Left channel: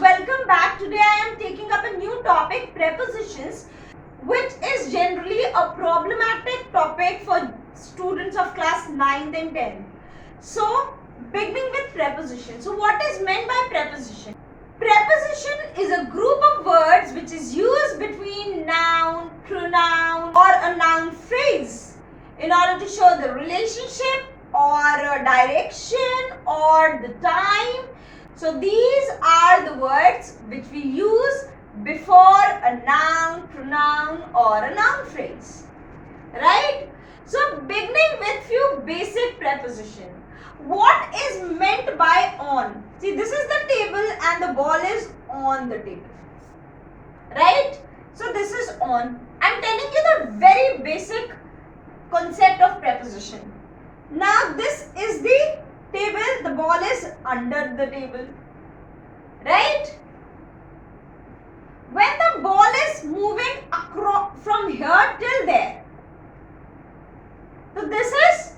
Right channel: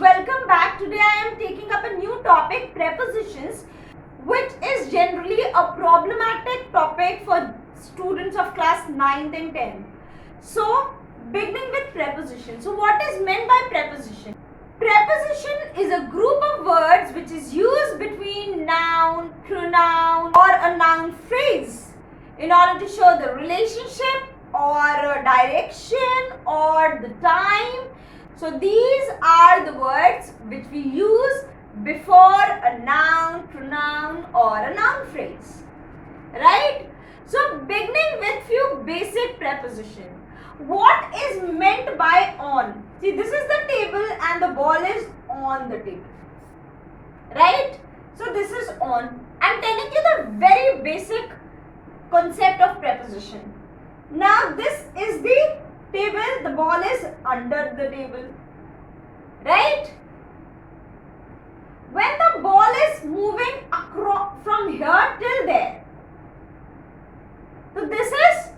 welcome back. Today I am taking up a new topic, prepositions, which is generally a problematic topic for students of class 9th and 10th. So, beginning with preposition. So, what is meant by preposition? Preposition is a group of words which is used between noun, pronoun or a noun phrase in order to show the relationship or a direction or the time. So these are the words which we use before a noun, pronoun or a noun phrase. Right? So beginning with few basic prepositions. What is meant by on? See, this is the table and the ball is on the table. Right? So this is on. I'm telling you the very basic concept of preposition. Now this is the table, the ball is under the table. Right? When the ball is moving across from here till there, so this is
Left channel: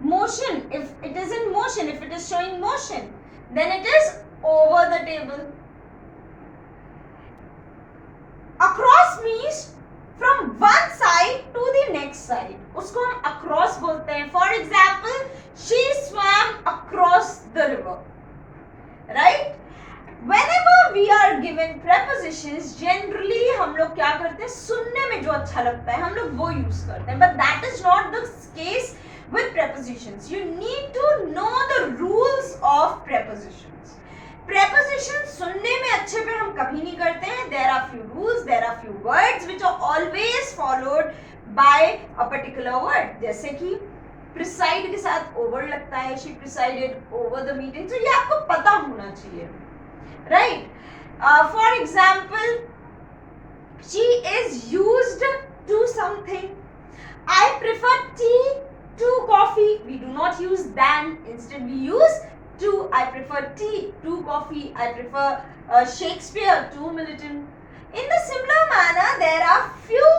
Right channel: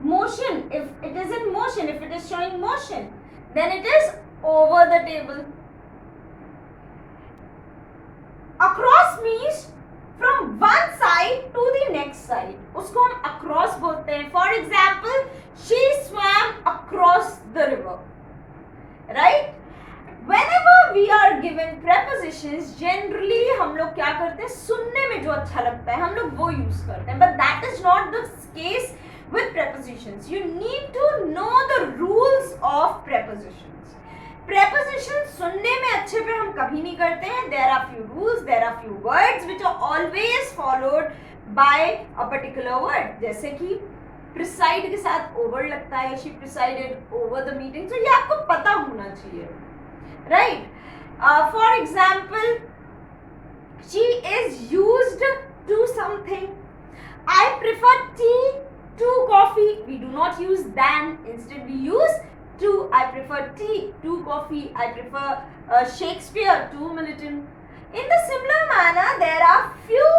motion. If it is in motion, if it is showing motion, then it is over the table. Across means from one side to the next side. उसको हम across बोलते हैं. For example, she swam across the river. Right? Whenever we are given prepositions, generally हम लोग क्या करते हैं? सुनने में जो अच्छा लगता है हम लोग वो use करते हैं. But that is not the case with prepositions. You need to know the rules of prepositions. Prepositions सुनने में अच्छे पे हम कभी नहीं करते हैं. There are few rules, there are few words which are always followed by a particular word. जैसे कि preside के साथ over लगता है. She presided over the meeting. So ये आपको पता होना चाहिए. Right? For example, she is used to something. I prefer tea to coffee. We do not use than. Instead we use to. I prefer tea to coffee. I prefer Shakespeare to Milton. In the similar manner, there are few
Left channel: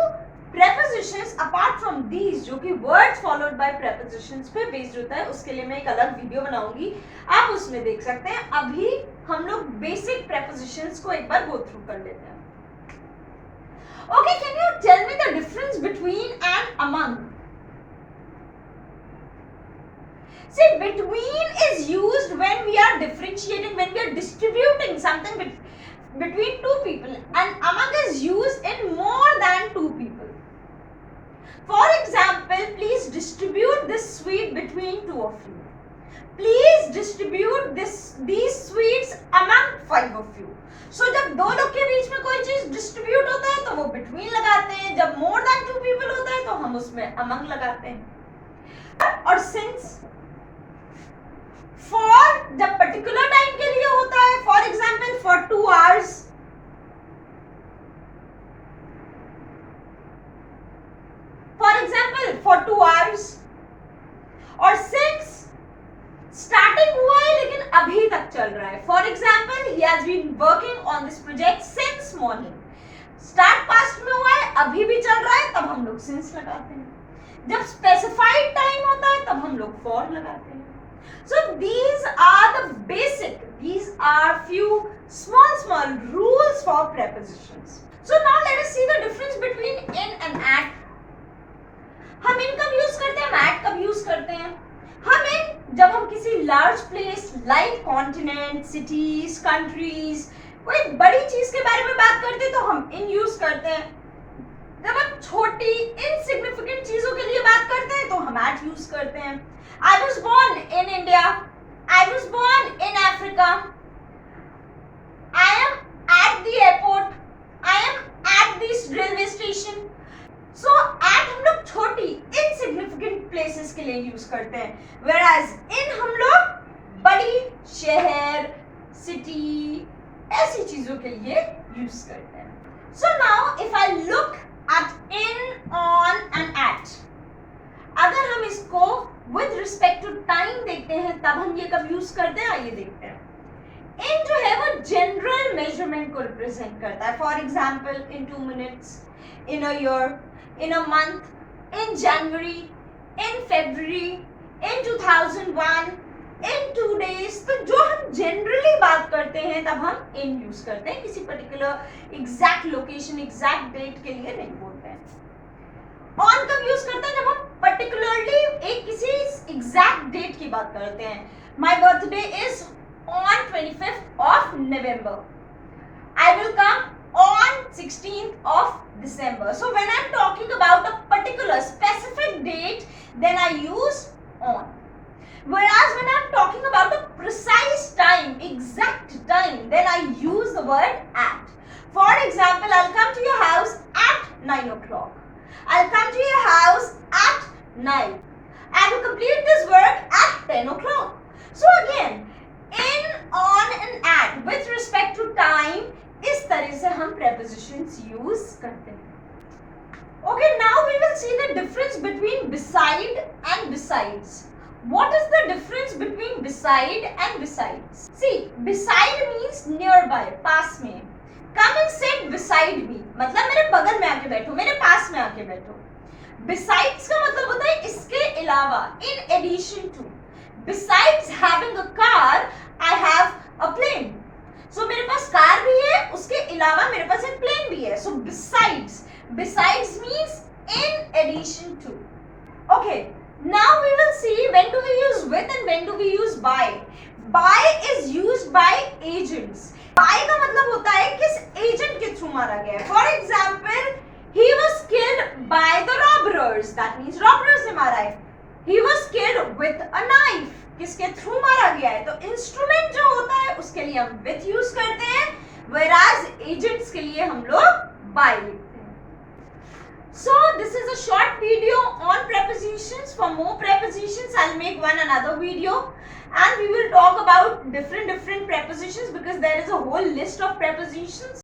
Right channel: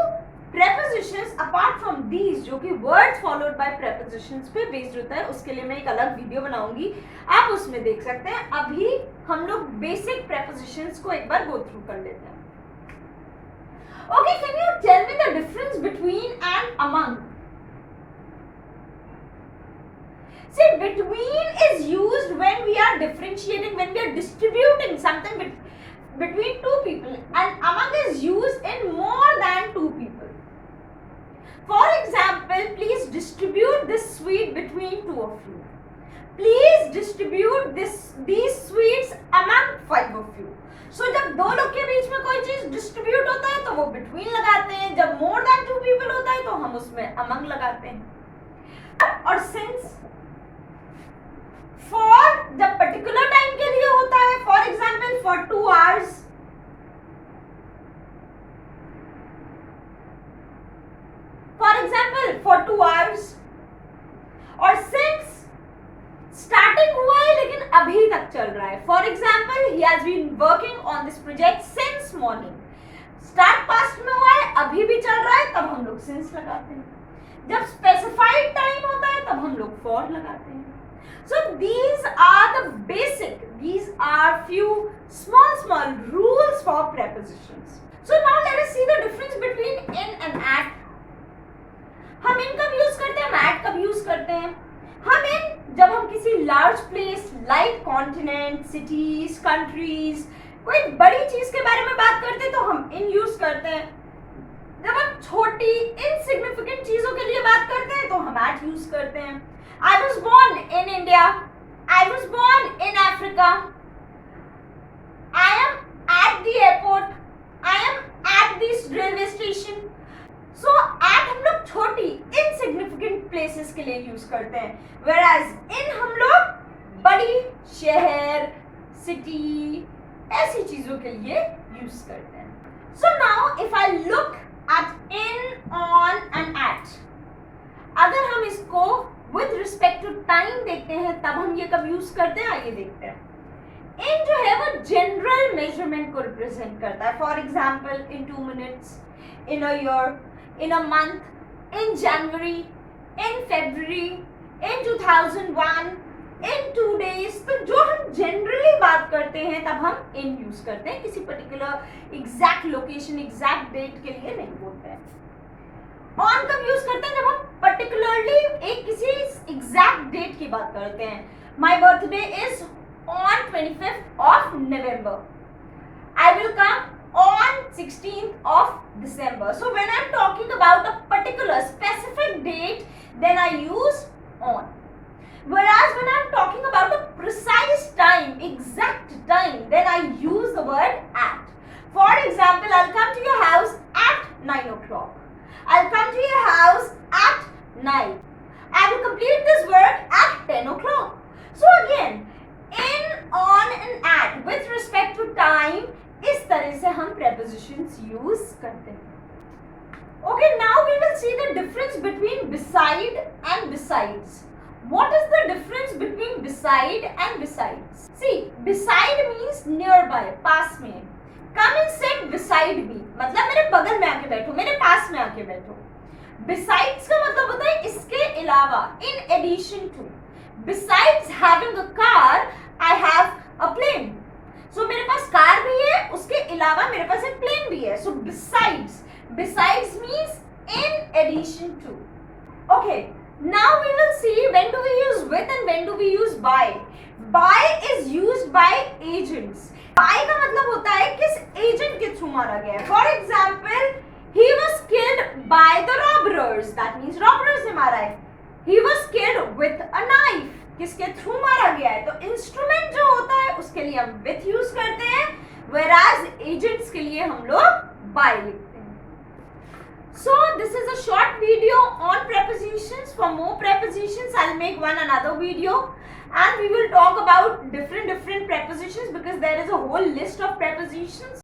prepositions apart from these जो कि words followed by prepositions पे based होता है. उसके लिए मैं एक अलग वीडियो बनाऊंगी, आप उसमें देख सकते हैं. अभी हम लोग basic prepositions को एक बार go through कर लेते हैं. Okay, can you tell me the difference between and among? See, between is used when we are differentiating, when we are distributing something between two people, and among is used in more than two people. For example, please distribute this sweet between two of you. Please distribute these sweets among 5 of you. So जब दो लोग के बीच में कोई चीज distribute होता है तो वो between लगाते हैं. जब more than 2 people होता है तो हम उसमें among लगाते हैं. और since for जब particular time के लिए होता है, for example for 2 hours, for example for 2 hours, और since starting हुआ है लेकिन अभी तक चल रहा है. For example, he has been working on this project since morning. Start past में हुआ है, अभी भी चल रहा है, तब हम लोग since लगाते हैं. जब specified time होता है तब हम लोग for लगाते हैं. So these are the basic, these are few small rules for prepositions. So now let us see the difference between in and at. हम इन कब यूज करते हैं, at कब यूज करते हैं? हम इन जब हम किसी large place like continent, cities, countries, कोई बड़ी चीज के बारे में बात करते हैं तो हम इन यूज करते हैं. जब हम छोटी इनसिग्निफिकेंट चीजों के लिए बात करते हैं तो हम एट यूज करते हैं. I was born in India. I was born in Africa. I am at the airport. I am at this railway station. So at हम लोग छोटी insignificant places के लिए यूज करते हैं, whereas in हम लोग बड़ी शहर, city, ऐसी चीजों के लिए यूज करते हैं. So now if I look at in, on and at, अगर हम इसको with respect to time देखते हैं तब हम ये कब यूज करते हैं, आइए देखते हैं. in जो है वो general measurement को represent करता है. For example, in 2 minutes, in a year, in a month, in January, in February, in 2001, in 2 days, तो जो हम जनरली बात करते हैं तब हम in यूज करते हैं, किसी particular exact location exact date के लिए नहीं बोलते हैं. on कब यूज करते हैं? जब हम पर्टिकुलरली एक किसी एग्जैक्ट डेट की बात करते हैं. My birthday is on 25th of November. I will come on 16th of December. So when I'm talking about a particular specific date, then I use on. Whereas when I'm talking about a precise time, exact time, then I use the word at. For example, I'll come to your house at 9 o'clock. I'll come to your house at 9. I will complete this work at 10 o'clock. So again, in, on and at with respect to time, इस तरह से हम prepositions use करते हैं. Okay, now we will see the difference between beside and besides. What is the difference between beside and besides? See, beside means nearby, पास में. Come and sit beside me, मतलब मेरे बगल में आके बैठो, मेरे पास में आके बैठो. Besides का मतलब होता है इसके अलावा, in addition to. Besides having a car, I have a plane. So मेरे पास कार भी है, उसके अलावा मेरे पास एक प्लेन भी है. So besides means in addition to. Okay, now we will see when do we use with and when do we use by. By is used by agents. By का मतलब होता है किस एजेंट के थ्रू मारा गया है. For example, he was killed by the robbers. That means robbers ने मारा है. He was killed with a knife. किसके थ्रू मारा गया है. तो इंस्ट्रूमेंट जो होता है उसके लिए हम with यूज करते हैं, whereas agents के लिए हम लोग by लिखते हैं. So this is a short video on prepositions. For more prepositions, I'll make another video, and we will talk about different prepositions because there is a whole list of prepositions.